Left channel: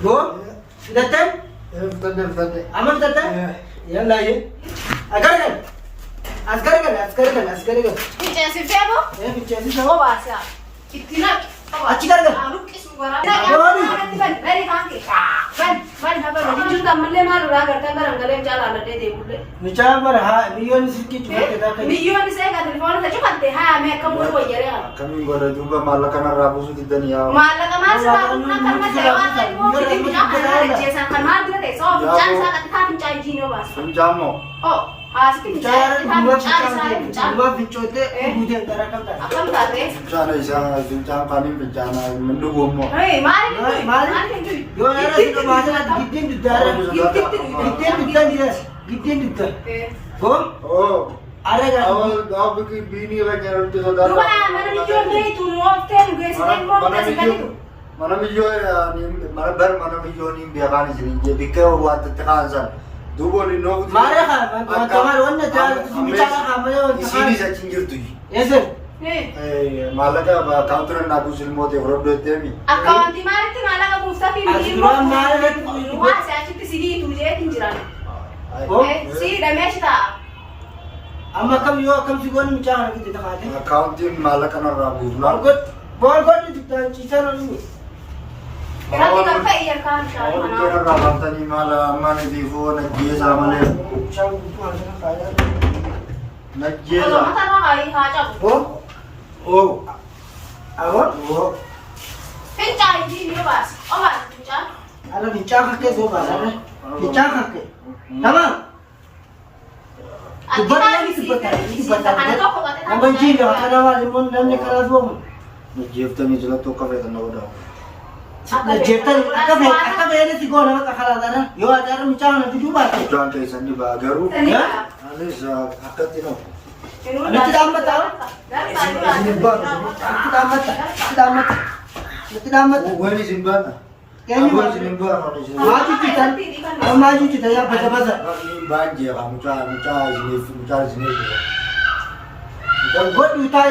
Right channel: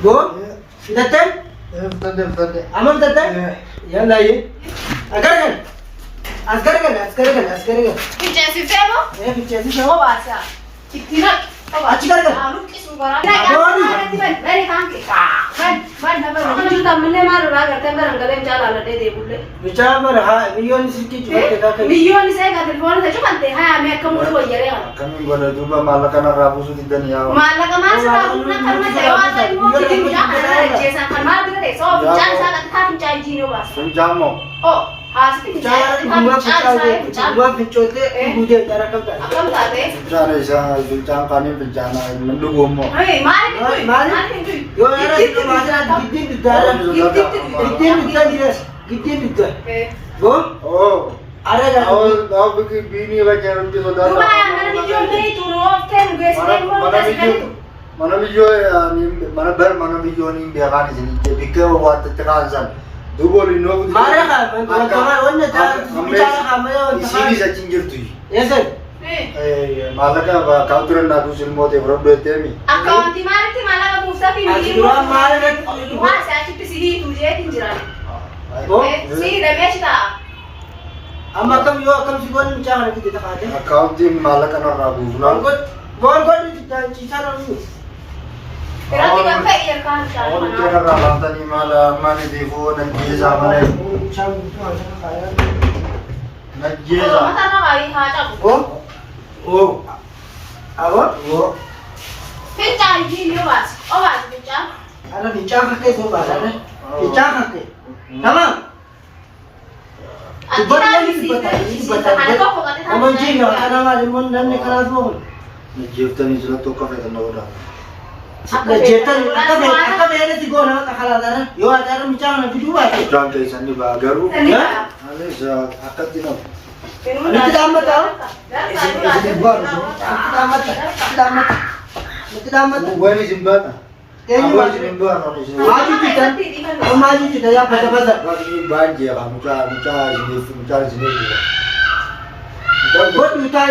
Go. Datang. Betul. Aman datang. Ya naik. Agar kan. Ficaan Ficaan mo? Ficaan Ficaan Obaafte. Itinag. Aci kan? Anong kisugara? Dari hangke. Ban haba. Hindi ka man na mara करते हैं रंगले चाल आलटे दे बुले. Bicara berha, million sikit juga kita kan. Million saya का telephone से जो बनते हैं मैं कम को ये रे. Kami boleh juga malah karena rabu sudah dan ya. Malah ka man sa rabu na kan man tayo sa mo hindi ka na jesa kan mal din tayo. So bicara sa kan ka pincan jino bas. Penjamu. Oh, has Bicara dua pencote, budi antara kau kan. Akam tate. Bencana isang bencana kami bencana mendukung mo. Hey, mari pintu. Yo ada itu macam gidin bicara. Gidin jelas. Gidin bicara. Go. Oh. Ada kan? Kau bikin bini baca nanti saudara. Dua yang mana video ni tu no ten gue sedang mau kasih kan. Mana video ni mana video ni biarkan di sini. Jadi kalau waktu tekansan. Dua lino. Mari kan? Kamar orang dah bicara kamar orang. Di sini saya cinggir tu. Yes sir. Malah kan counter nak usul mau develop dete mi. Account di mana ti malah ka pusa pi Aci dua mari kan? Wah, saya cipta sini tu je tinjiran. Go. Sini dah match ta. Amma kam sibon bicara kita tak ada. Account tim malah kan rabu. Bol itu kita lalu. Kira tiga kali yang kan Oh, kira rabu tadi malah mana devo dan dia sama lagi. Nak dia. Kalau mata nak kali hajar. Oh. Apa? Oh. Ficaan ini bas. Bas ficaan. Ada bicara ke semua ada. Bicara ke. Tamam. Akhirnya di sini ada toko kata. Kamu jiwa ada macam mana nanti kalau semua. Nak dia tadi jelas tu kafe tanah udah. Jeter, apa beda sih gua nak kalau ada. Yo ada bicara nanti dua. Jangan kayak sini bagaru. Ya? Ada saya akad tino. Nanti tamat tahu. Nanti tamat. Bukan ini simpan. Kayaknya Apa sih simpan? maju kita ya pada. Ini banjir kamu cari sini. Gua duta.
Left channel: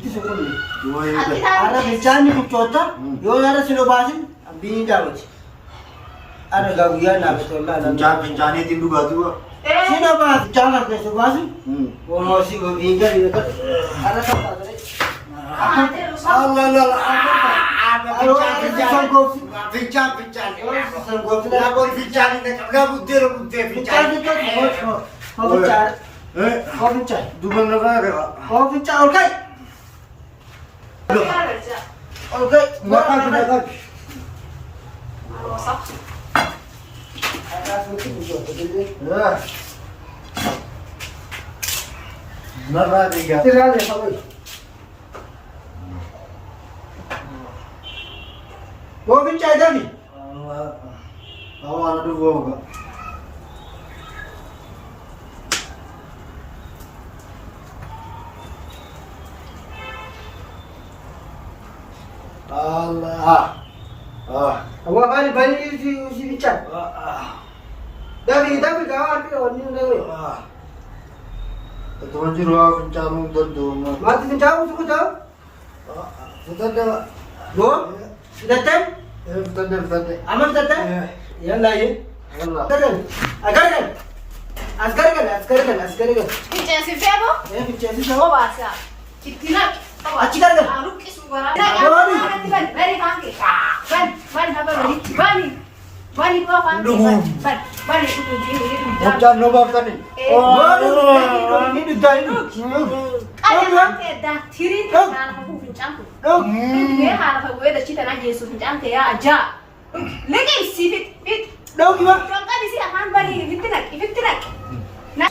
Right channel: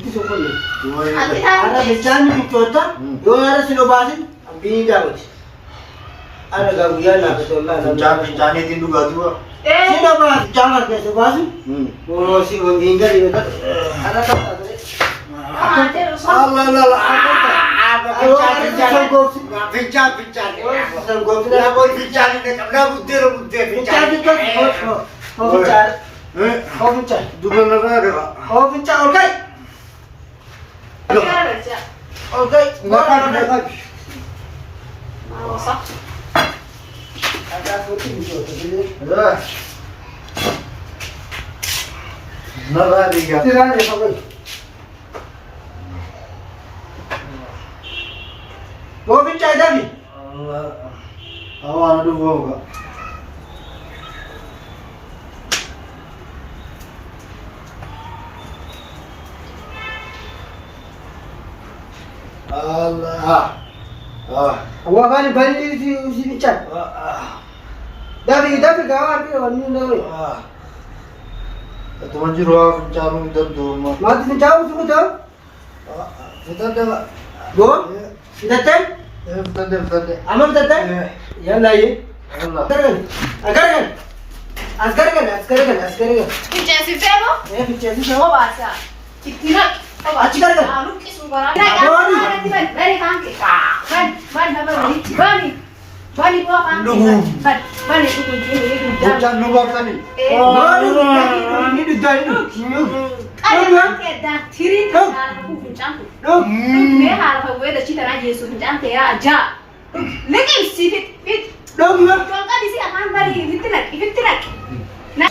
Itu sekolah. Cuma ini. Ada bicara ni cuaca. Yo ada silobasin. Bini dapat. Ada gawian apa tu lah. Bencana itu juga tu. Silobas jangan ke silobasin. Mau si tinggal di dekat. Ada tak ada. Allah. Ayo sanggol. Bincang. Sanggol. Nak boleh bincang ni. Nak butir. Bincang itu. Oh bincang. Oh bincang. Dua negara. Oh bincang. Okay. Okay. Ada putih itu. Negara dia. Tidak ada apa. Oh bincang dah ni. Awak ada dua. Allah. Awak balik si bincang. Tapi kawan dia orang ni dah. Tuan jiwa bencana itu mah. Mati bincang tu betul. Kita dah. Go. Datang. Betul. Aman datang. Ya naik. Allah. Askar kan. Ficaan Ficaan mo? Ficaan Ficaan Obaafte. Itinag. Aci kan? Anong kisugara? Dari hangke. Ban haba. Bani ko kan. Bani ko tu jini ni. Bukan nombor tadi. Ini dah ini. Ada ke dah tiri kan aku ficaan ko. Me hal ka we da cita na Yesu ficaan te ya aja. Lekin si fit. Dong gimana? Kalau kan di sini akan bari fitinak. Nah.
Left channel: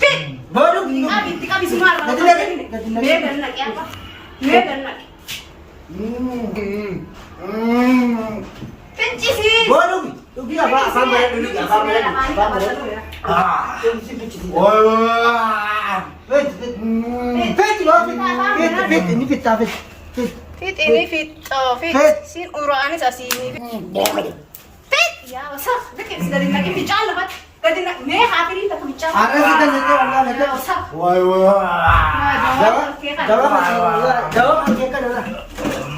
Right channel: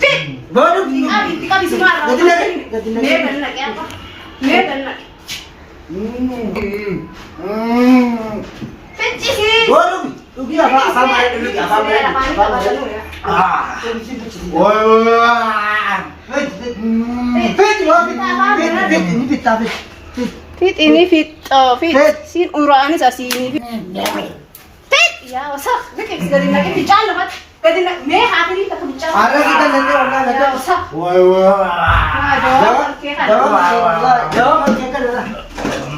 Fit. Baru Tika bisa marah. Medan lagi apa? Medan lagi. Fit sih. baru. Rugi apa mana dulu? Fit ini fit sin uraan sa sini. Fit. Ya, usah. Lekin segala lagi ficaan lebat. Kadina me hatirin ta kamcha. Arah kita nanti orang nanti. Woi woi. Jawab, jawab masih Allah. Jawab masih kan Allah.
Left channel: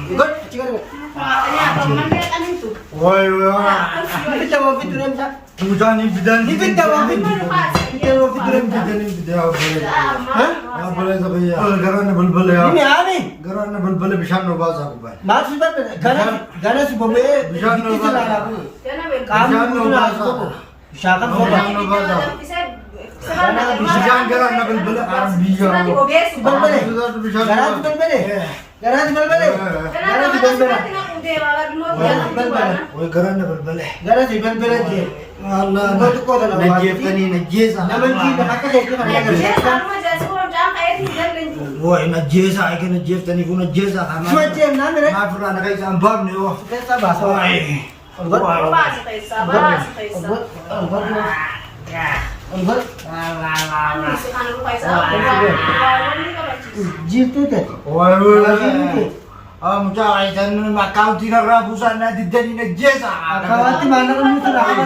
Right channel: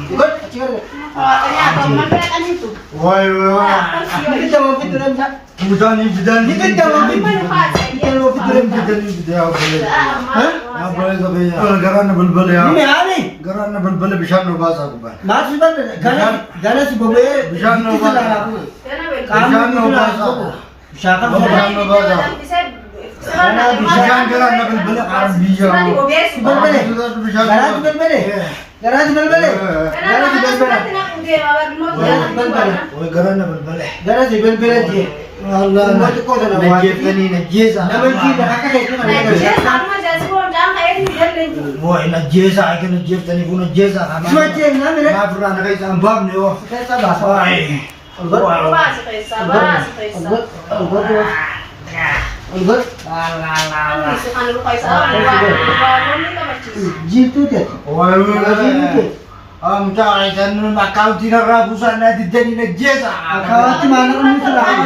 Ikut, cikar. Ini apa mana kan itu? Woi woi. Ini jawab itu namanya. Bukan ini bidan. Ini jawab itu. Jawab bidan dia boleh. Hah? Yang boleh tapi ya. Garan bulbul ya. Ini ani. Garan bulbul bisa nubas aku kan. Masih kan? Gana si bobe. Bisa nubas. Kamu nubas. Siapa Bisa nubas. Bisa garan bulbul arab bisa. Bulbul. Garan bulbul. Garan bulbul. Garan bulbul. Woi garan bulbul. Garan si bulbul aja. Allah. Najib kan ini najisa. Nama kita kakak itu mana? Woi najisa akan najib tani pun najisa kan. Cuaca nama ni. Ma pernah nak isam bab ni oh. Kita bahasa. Woi. Enggak. Jil tu dia. Woi woi. Mucah jangan makau tina rabusan nanti jadi najisa. Kau tu mana kan itu lah.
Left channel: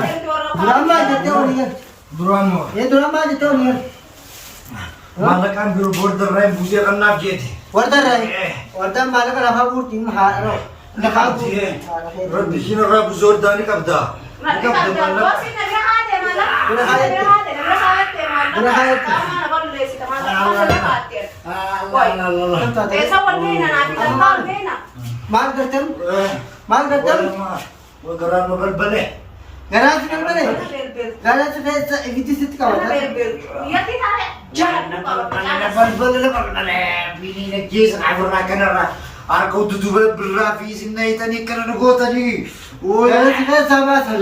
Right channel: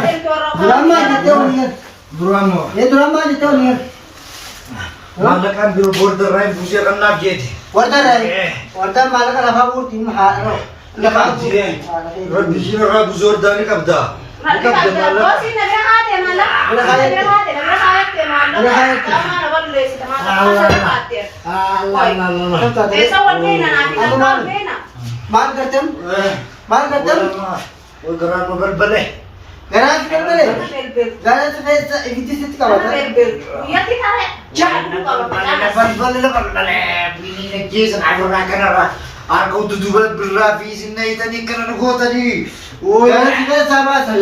Drama je tu ni kan. Drama. Ya drama je tu ni kan. Mana kan dulu border lain busia kan nak jadi. Wardaan Wardaan mana kan apa urtin haro. Nak jadi. Rabu sini rabu Wardaan ni kabda. Mal करते हम वो गराज में बलबले गराज में बलबले गराज में इविती सिट का होता है बलबले बिनी ने केस ना करना करना आर को तो दुबल बिल्ला फीस नहीं तो नहीं करना को तरी ओ गराज में सामा सर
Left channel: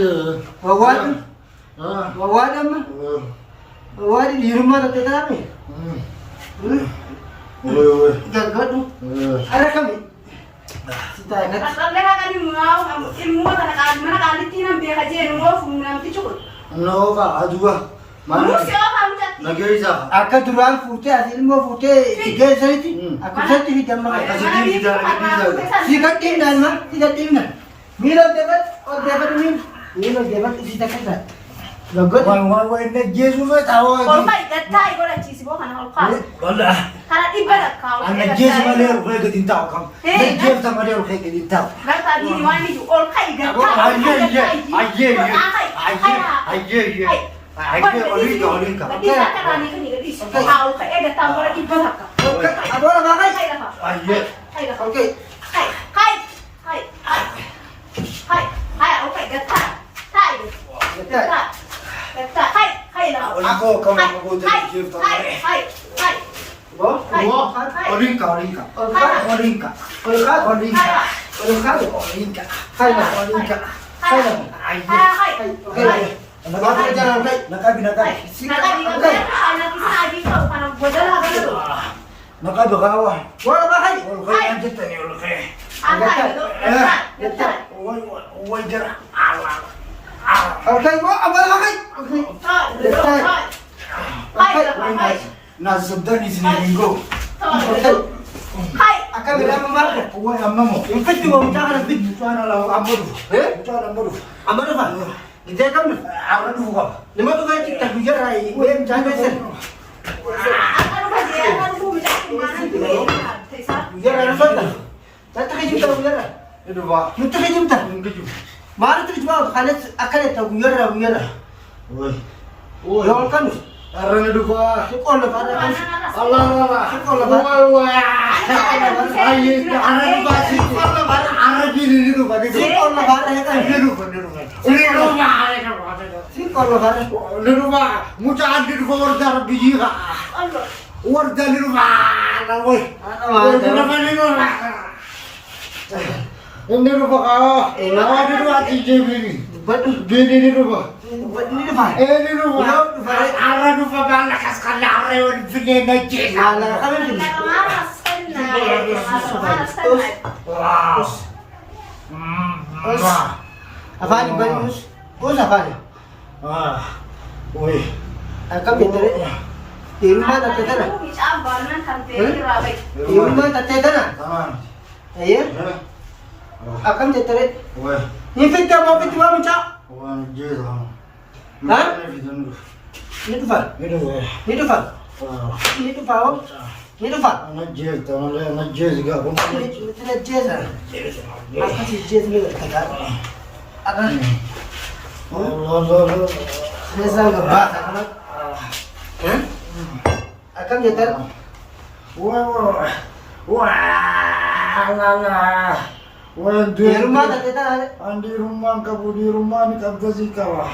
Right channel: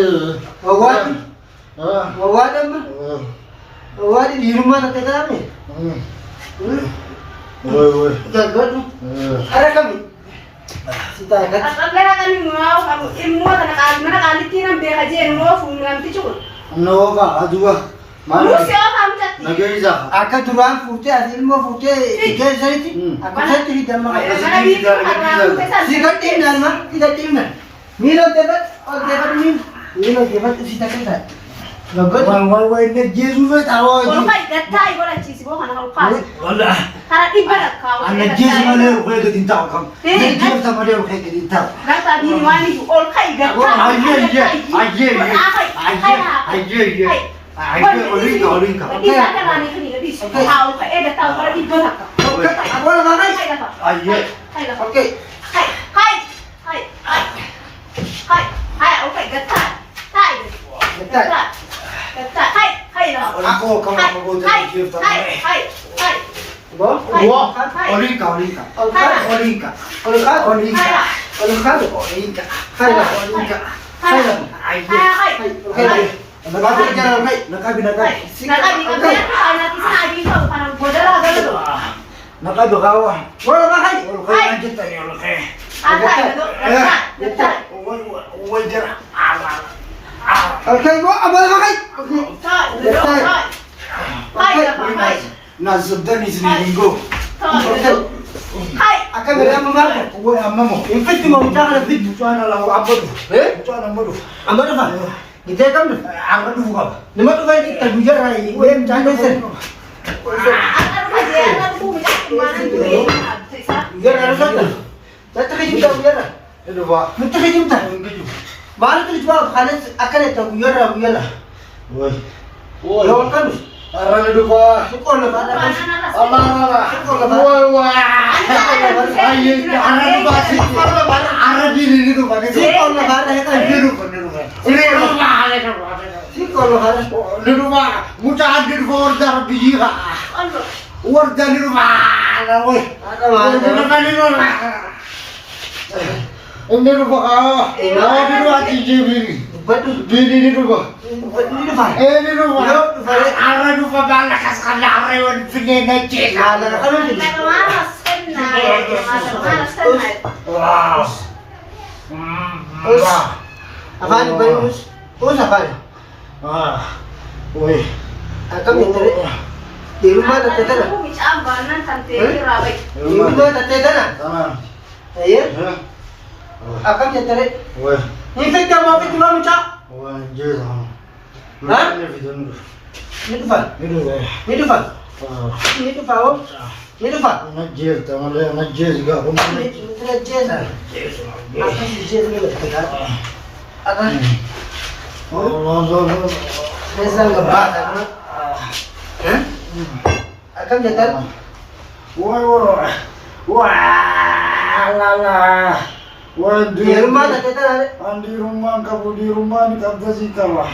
ववाद निर्मा रहते क्या में ओए जगत अरे कमी सीता है नोवा अजुआ मानो लगे जा आका दुरान फूटे असील में फूटे इके सही थी आका सही थी दम में सिगरेट ना मीलो देवत और देवत मीलो देवत सीता करता है Lagot. Wah ini Yesus itu tahu. Kalau kau tidak tahu, kau nak cisi bukan kalau kau. Allah. Karena ibarat kau. Anak Yesus mana yang kau yang tahu kamu? Yesus sama dia yang kau tahu. Kata di mana itu? Orang kau tidak tahu. Olinka. Jadi saya kan ini jadi tahu kau ada tahu kalau ibarat kau. Apa orang makan? Oke. Aku kamu jadi Okay, apa makan? Nasuddan di sini minggu. Akan mereka mengaku. Gue amamu. Infek cuma mencapai lebih. Bukan lah, ambodu. Bukan ambodu. Ambil apa? Kita kan tu. Ambodu bukan. Lima tu kan kita gujar lagi. Gue mencapai sen. Gujar harus apa? Jatuh ke juta gujar. Itu pak. Jatuh ke juta. Mana tu jawab? Khalis akan itu gujar. Woi. Lawan kan? Arang itu pak. Sekolah pada kan? Allah. Sekolah pada. Ayo, arang itu pak. Sekolah pada. Arang ini itu pak. Sekolah pada kan? Ini rumah. Sekolah pada. Ini rumah. Mucaan di Wardaan biji kak. Wardaan di rumah. Woi. Ini rumah kau. Awak di rumah TJB. Betul. Ini rumah. Ini apa? Ini rumah. Arah rumah balakas kena rewan sini necek. Malah kan ni. Wow. Apa ni bagus? Apa ni? Woi. Akan menjadi. Di rumah tak ada. Di rumah tak ada. Tangan. Ayah. Akan menjadi. Woi. Ini kita mau pergi mana macam? Woi, jelas. Ha? Ini Ni dhufa. dua. Ni dhufa. Ni dhufa hoo. Ni dhufa. Najis, tamale najis juga apa mana? Ni jeesa. Apa si jeesa ni dhufta? Apa? Allah. Jeesa gabbata. Eh? Akkam jettan? Wah, lala. Wah, Heerummaa taatee tanaadha. Andi rumah kamu di rumah ni kabda sih kawah.